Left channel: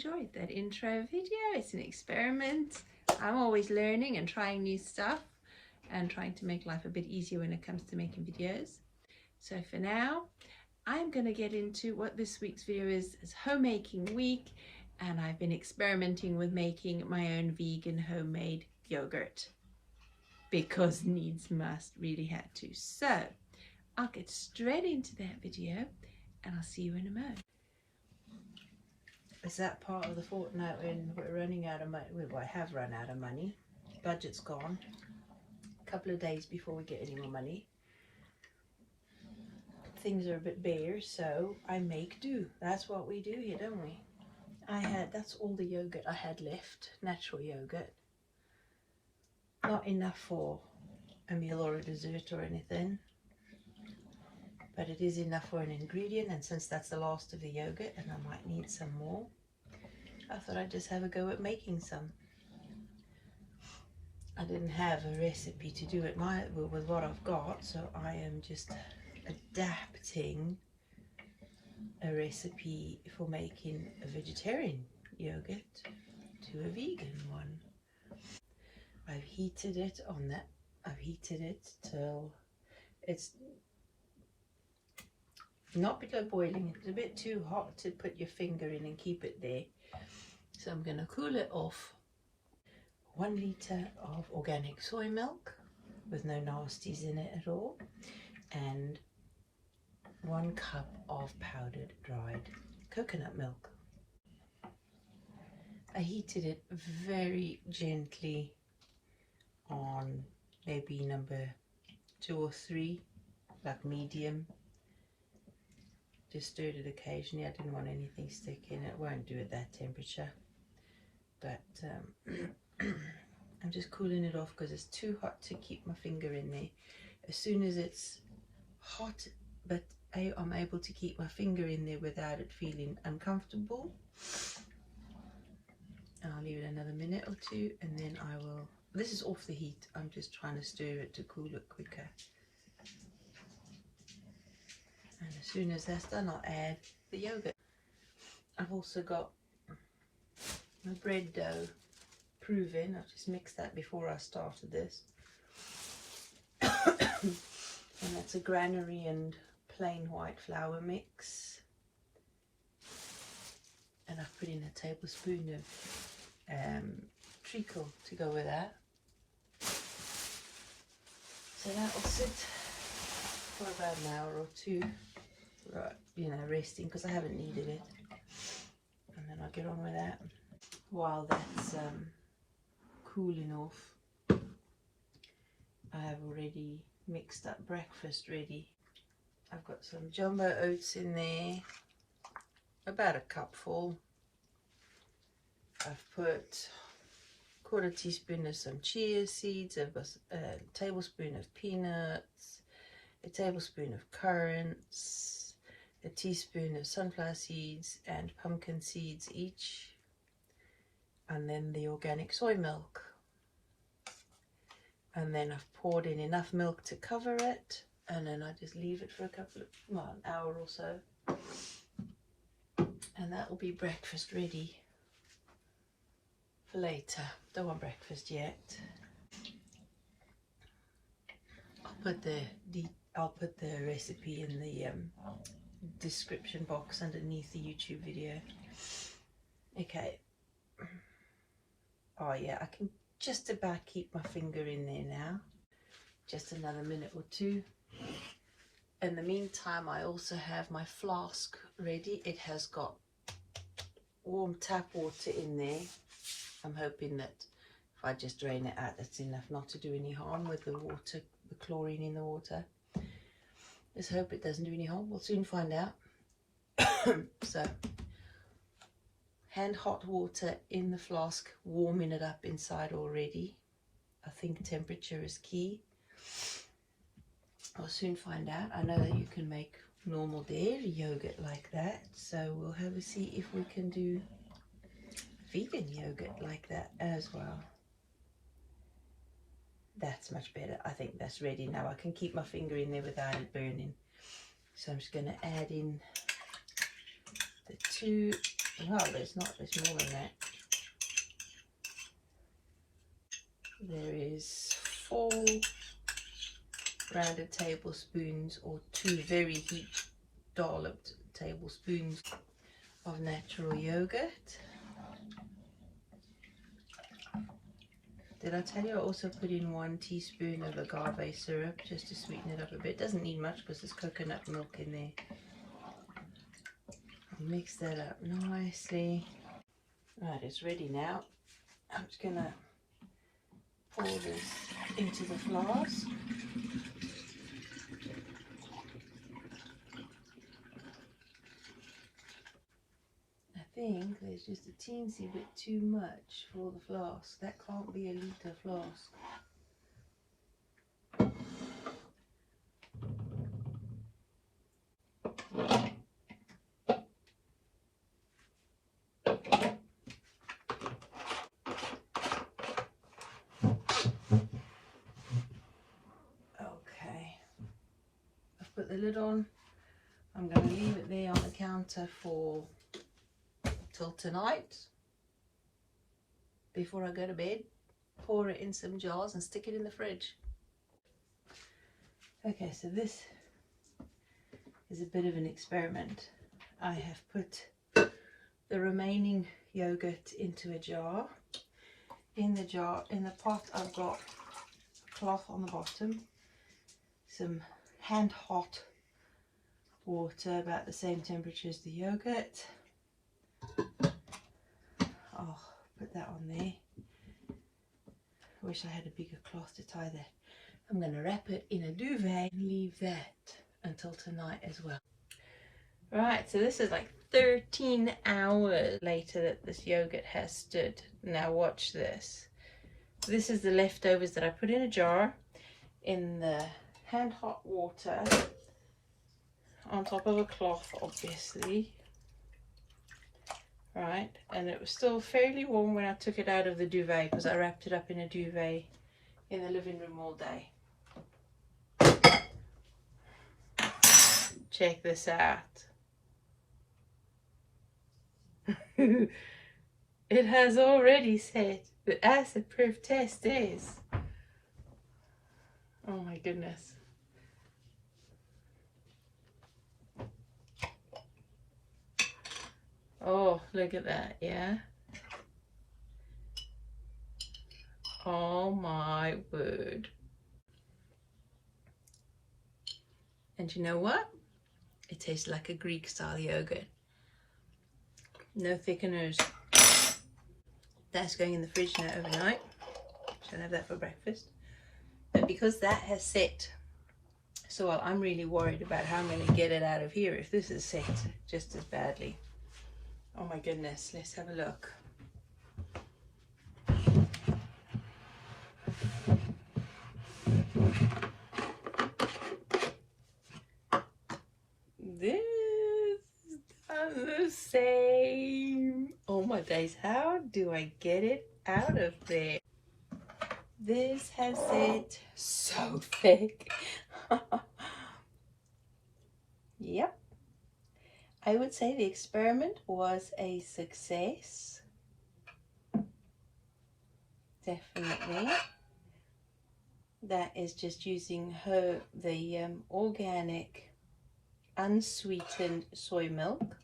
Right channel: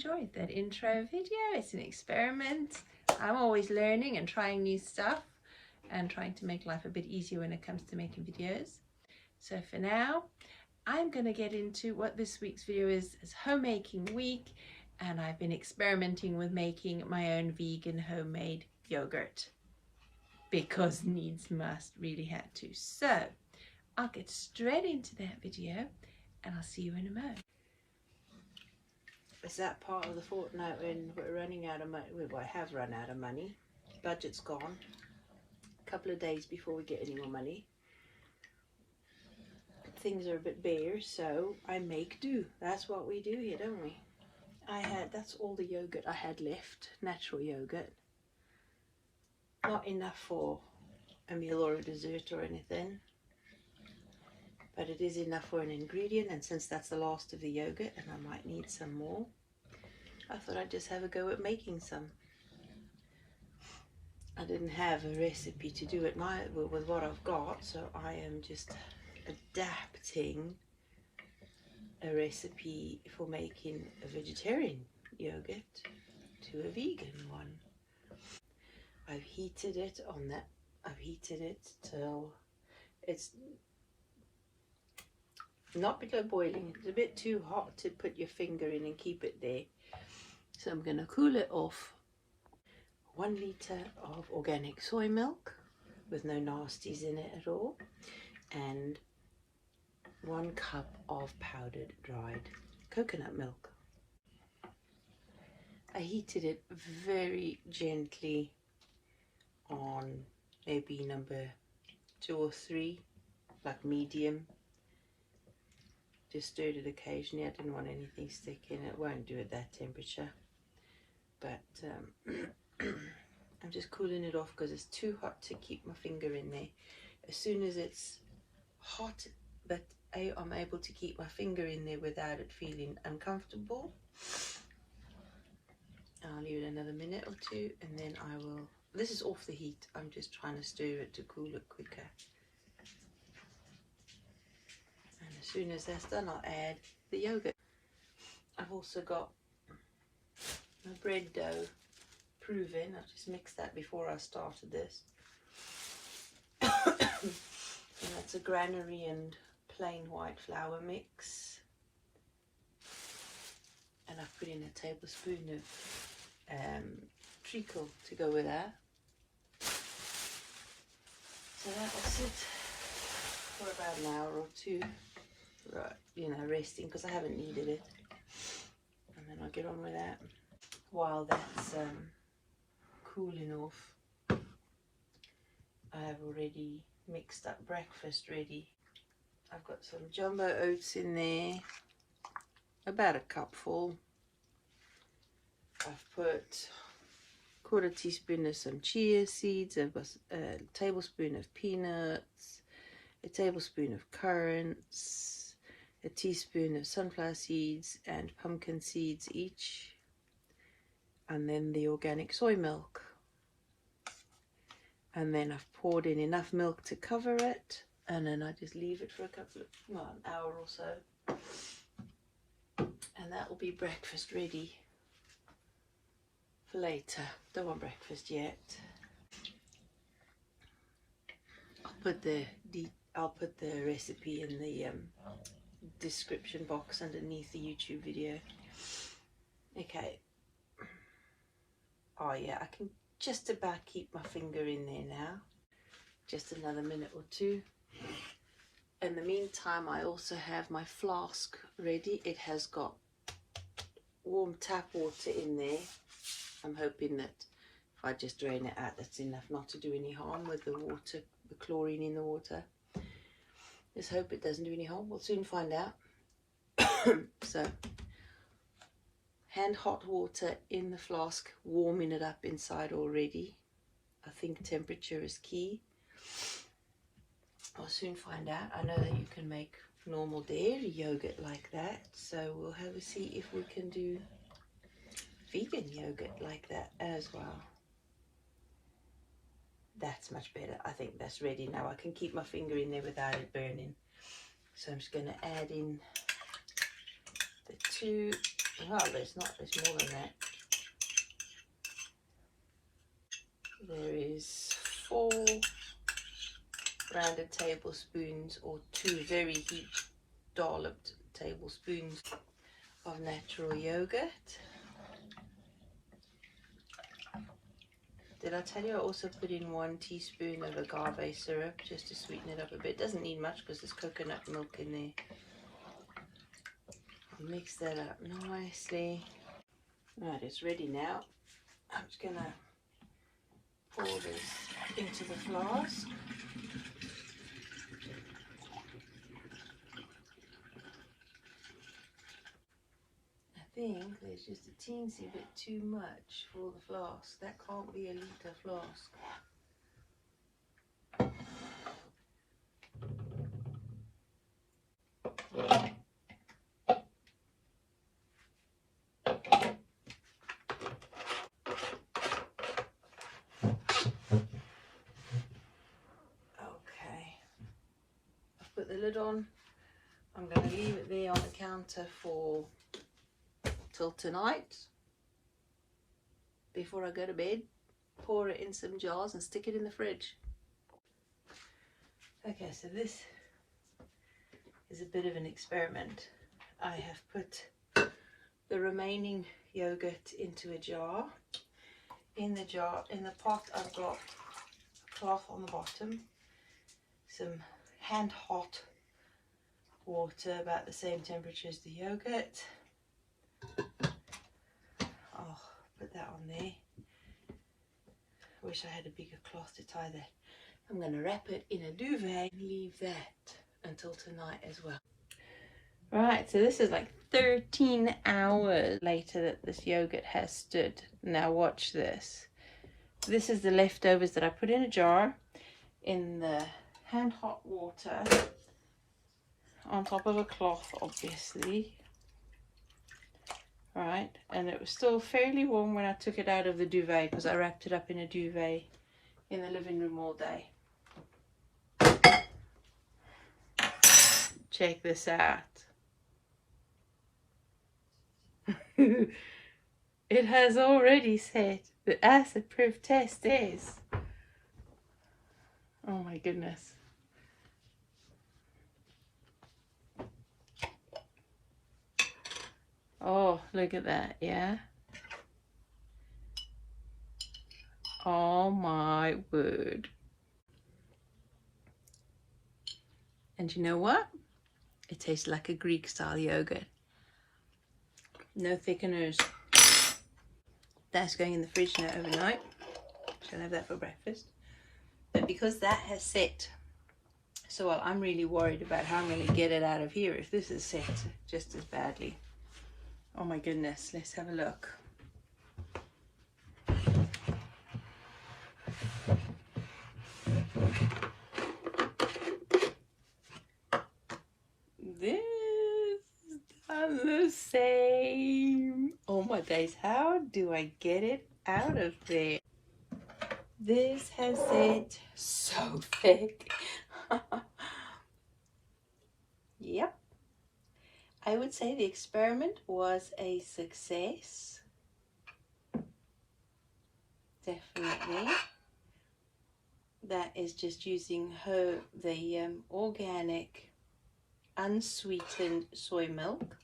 enjoyed that intro video. It's an experiment. I'm always learning and trying new stuff and trying to make life a bit easier when it comes to making videos. So for now, I'm going to get into what this week's video is homemaking week, and I've been experimenting with making my own vegan homemade yogurt because needs must, really had to. So I'll get straight into that video and I'll see you in a moment. Is that part of the fortnight when we're running out of money? Well, I have run out of money. Budget's gone. A couple of days before we get any more money. Things are a bit bare, so I make do. That's what we do here, don't we? That's all the yogurt I had left. Natural yogurt. Not enough for a meal or a dessert or anything. But it is enough for an ingredient, and since that's the last of the yogurt and I might need some more, I thought I'd just have a go at making some. I didn't have a recipe to do it with what I've got, so I am just adapting a recipe for making a vegetarian yogurt to a vegan one. I've heated it till it's not below boiling. It's a bit too hot to put your finger in and keep it there. So I'm going to cool it off. 1 litre of organic soy milk with no nasties in it at all. And 1 cup of powdered dried coconut milk. I heated it very gently on maybe number 2 or 3, like medium. Just stirred it occasionally. I didn't want anything sticking. It won't do at that temperature. But I'm just cooling it off because it's too hot to keep my finger in there. As soon as it's hot, but I'm able to keep my finger in there without it feeling uncomfortable, I'll leave it another minute or 2 and then I will. This is off the heat. I'm just trying to stir it to cool it quicker. And as soon as that's done, I'll add the yogurt. I've also got my bread dough proven. I've just mixed that before I started this. And that's a granary and plain white flour mix. And I've put in a tablespoon of treacle to go with that. So that will sit for about an hour or 2. Right, you know, resting because I haven't kneaded it, and then I'll get on with that. While that's cooling off, I have already mixed up breakfast ready. I've got some jumbo oats in there, about a cupful. I've put 1/4 teaspoon of some chia seeds. I've got a tablespoon of peanuts, a tablespoon of currants, a teaspoon of sunflower seeds and pumpkin seeds each, and then the organic soy milk. And then I've poured in enough milk to cover it, and then I just leave it for an hour or so, and that will be breakfast ready for later. Don't want breakfast yet. I'll put the recipe in the description box underneath the YouTube video. Okay. Oh yeah, I can just about keep my finger in there now. Just another minute or 2. In the meantime, I also have my flask ready. It has got warm tap water in there. I'm hoping that if I just drain it out, that's enough not to do any harm with the water, the chlorine in the water. Just hope it doesn't do any harm. We'll soon find out. So, hand hot water in the flask, warming it up inside already. I think temperature is key. I'll soon find out. I know that you can make normal dairy yogurt like that, so we'll have a see if we can do vegan yogurt like that as well. That's much better. I think that's ready now. I can keep my finger in there without it burning. So I'm just going to add in the 2 Oh, but it's not, there's more than that. There is 4 rounded tablespoons or 2 very heat dolloped tablespoons of natural yogurt. Did I tell you I also put in 1 teaspoon of agave syrup just to sweeten it up a bit? Doesn't need much because there's coconut milk in there. I'll mix that up nicely. Right, it's ready now. I'm just gonna pour this into the flask. I think there's just a teensy bit too much for the flask. That can't be a litre flask. Okay, I've put the lid on. I'm going to leave it there on the counter for till tonight before I go to bed. Pour it in some jars and stick it in the fridge. Okay, so this is a bit of an experiment. I have put the remaining yogurt into a jar. In the pot, I've got a cloth on the bottom, some hand hot water about the same temperature as the yogurt. I'll put that on there. Wish I had a bigger cloth to tie that. I'm going to wrap it in a duvet and leave that until tonight as well. Right, so this is like 13 hours later that this yogurt has stood. Now watch this. This is the leftovers that I put in a jar in the hand hot water on top of a cloth, obviously. Right, and it was still fairly warm when I took it out of the duvet because I wrapped it up in a duvet in the living room all day. Check this out. It has already said the acid proof test is. Oh my goodness. Oh, look at that, yeah. Oh my word. And you know what? It tastes like a Greek style yogurt. No thickeners. That's going in the fridge now overnight. So I'll have that for breakfast. But because that has set so well, I'm really worried about how I'm going to get it out of here if this is set just as badly. Oh my goodness, let's have a look. This does the same. Oh my days, how do I get it out of there? This has it so thick. Yep. I would say the experiment was a success. Definitely. That is just using the organic unsweetened soy milk.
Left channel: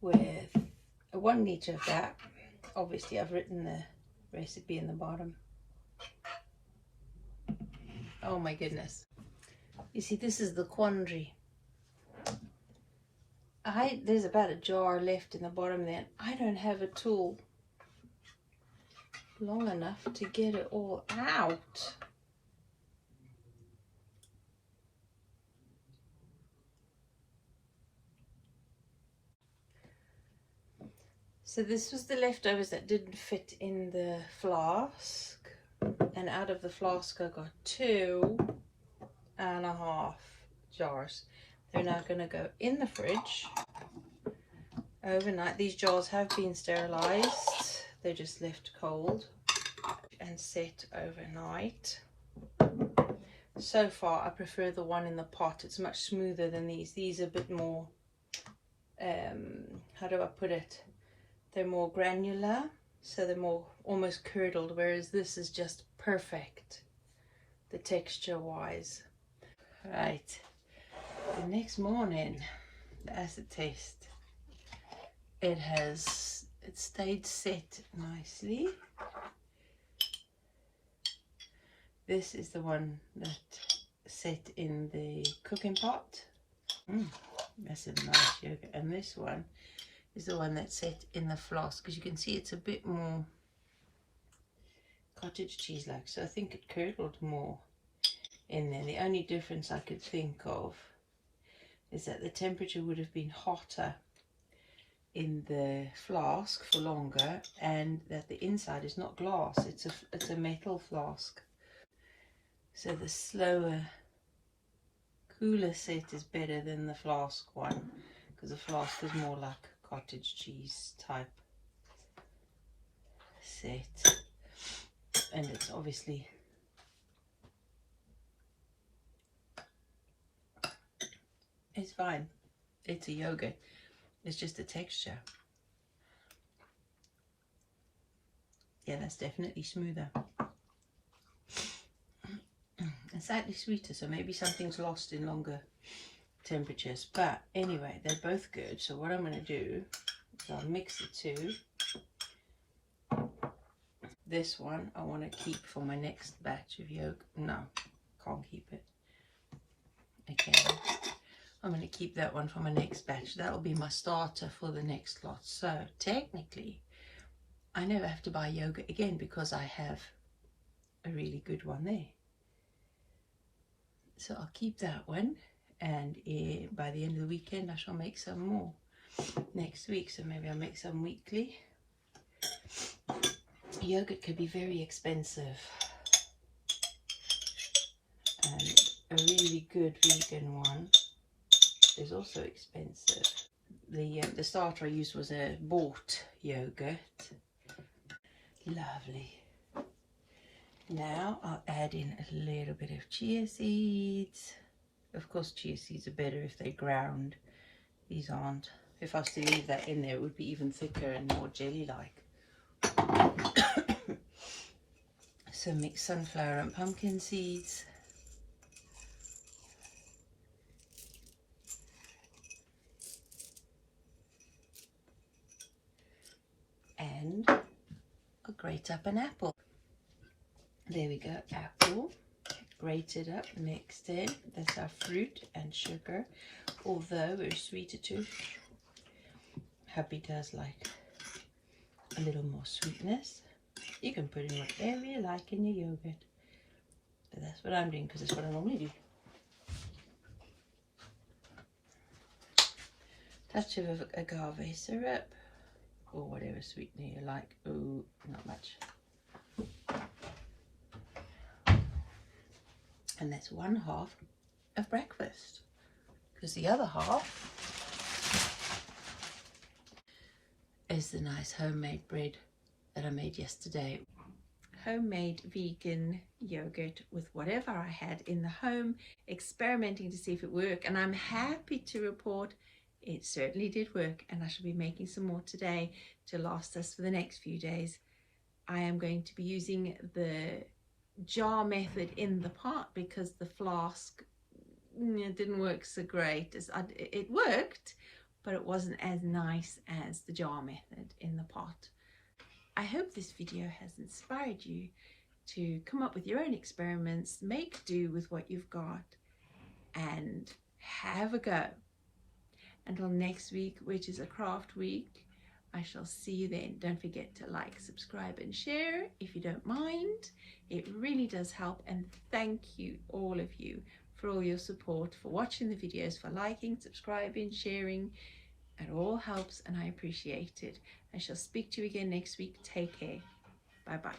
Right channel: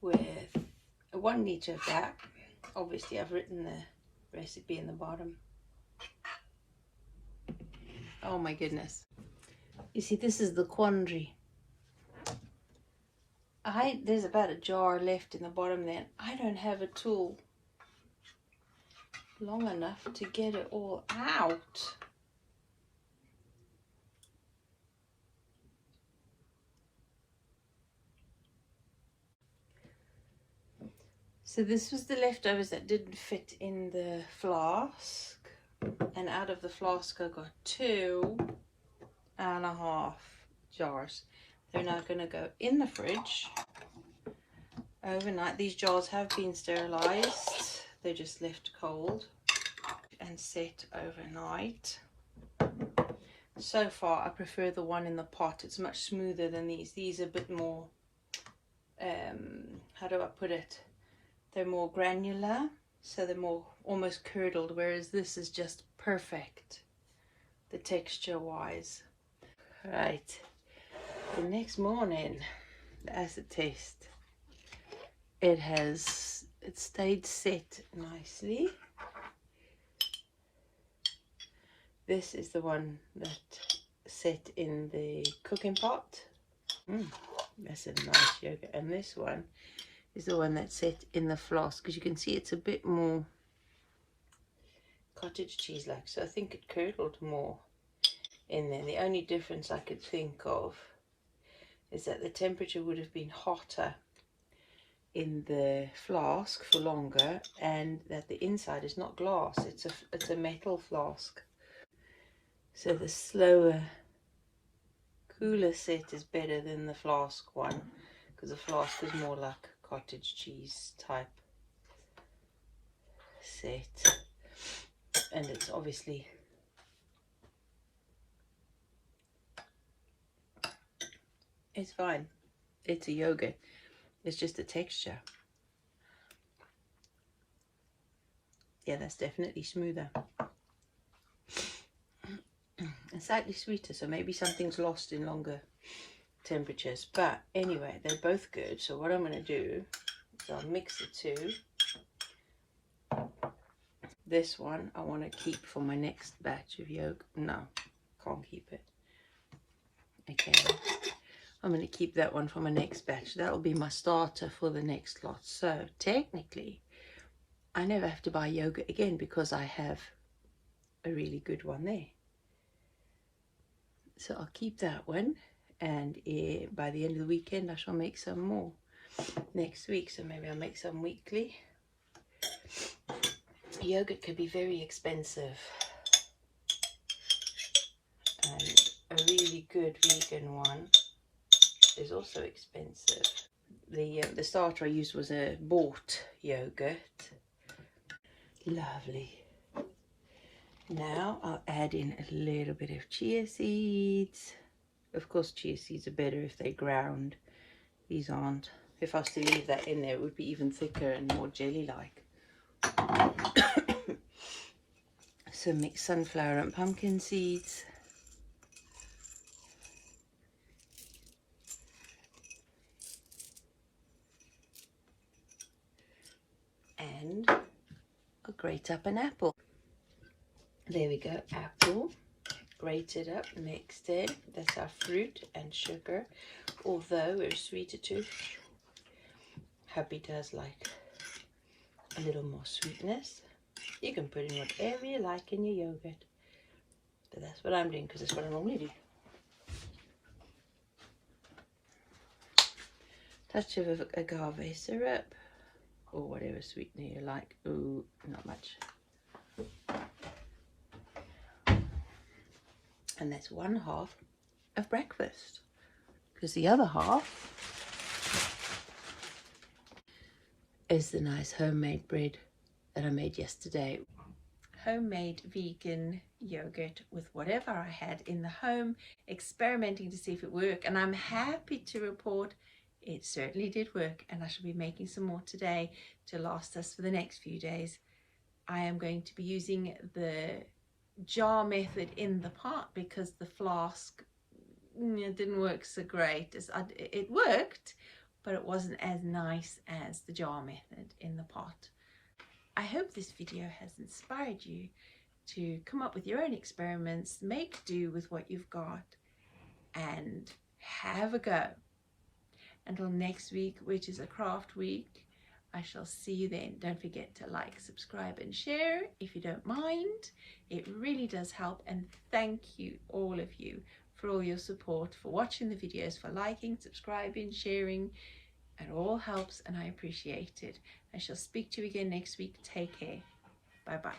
With 1 litre of that. Obviously I've written the recipe in the bottom. Oh my goodness. You see, this is the quandary. There's about a jar left in the bottom there. I don't have a tool long enough to get it all out. So this was the leftovers that didn't fit in the flask. And out of the flask I got 2.5 jars. They're now going to go in the fridge overnight. These jars have been sterilized. They're just left cold and set overnight. so far I prefer the one in the pot. It's much smoother than these. These are a bit more, how do I put it? They're more granular, so they're more almost curdled, whereas this is just perfect, the texture wise. Right, the next morning, the acid test, it stayed set nicely. This is the one that set in the cooking pot. That's a nice yogurt. And this one is the one that's set in the flask, because you can see it's a bit more cottage cheese like, so I think it curdled more in there. The only difference I could think of is that the temperature would have been hotter in the flask for longer, and that the inside is not glass, it's a metal flask. So the slower, cooler set is better than the flask one, because the flask is more like cottage cheese type set, and it's obviously it's fine. It's a yogurt. It's just the texture. Yeah, that's definitely smoother. And slightly sweeter, so maybe something's lost in longer temperatures. But anyway, they're both good. So what I'm going to do is I'll mix the two. This one I want to keep for my next batch of yogurt. No, can't keep it. Okay, I'm going to keep that one for my next batch. That'll be my starter for the next lot. So technically, I never have to buy yogurt again because I have a really good one there. So I'll keep that one, and by the end of the weekend I shall make some more next week. So maybe I'll make some weekly. Yogurt could be very expensive, and a really good vegan one is also expensive. The starter I used was a bought yogurt. Lovely. Now I'll add in a little bit of chia seeds. Of course, chia seeds are better if they're ground. These aren't. If I was to leave that in there, it would be even thicker and more jelly-like. Some mixed sunflower and pumpkin seeds. And I'll grate up an apple. There we go, apple. Grated up, mixed in. That's our fruit and sugar. Although we're a sweeter tooth, hubby does like a little more sweetness. You can put in whatever you like in your yogurt, but that's what I'm doing because that's what I normally do. Touch of agave syrup or whatever sweetener you like. Ooh, not much. And that's 1/2 of breakfast, because the other half is the nice homemade bread that I made yesterday. Homemade vegan yogurt with whatever I had in the home, experimenting to see if it worked, and I'm happy to report it certainly did work, and I shall be making some more today to last us for the next few days. I am going to be using the jar method in the pot because the flask didn't work so great. It worked, but it wasn't as nice as the jar method in the pot. I hope this video has inspired you to come up with your own experiments, make do with what you've got, and have a go. Until next week, which is a craft week, I shall see you then. Don't forget to like, subscribe and share if you don't mind. It really does help, and thank you, all of you, for all your support, for watching the videos, for liking, subscribing, sharing. It all helps and I appreciate it. I shall speak to you again next week. Take care. Bye bye.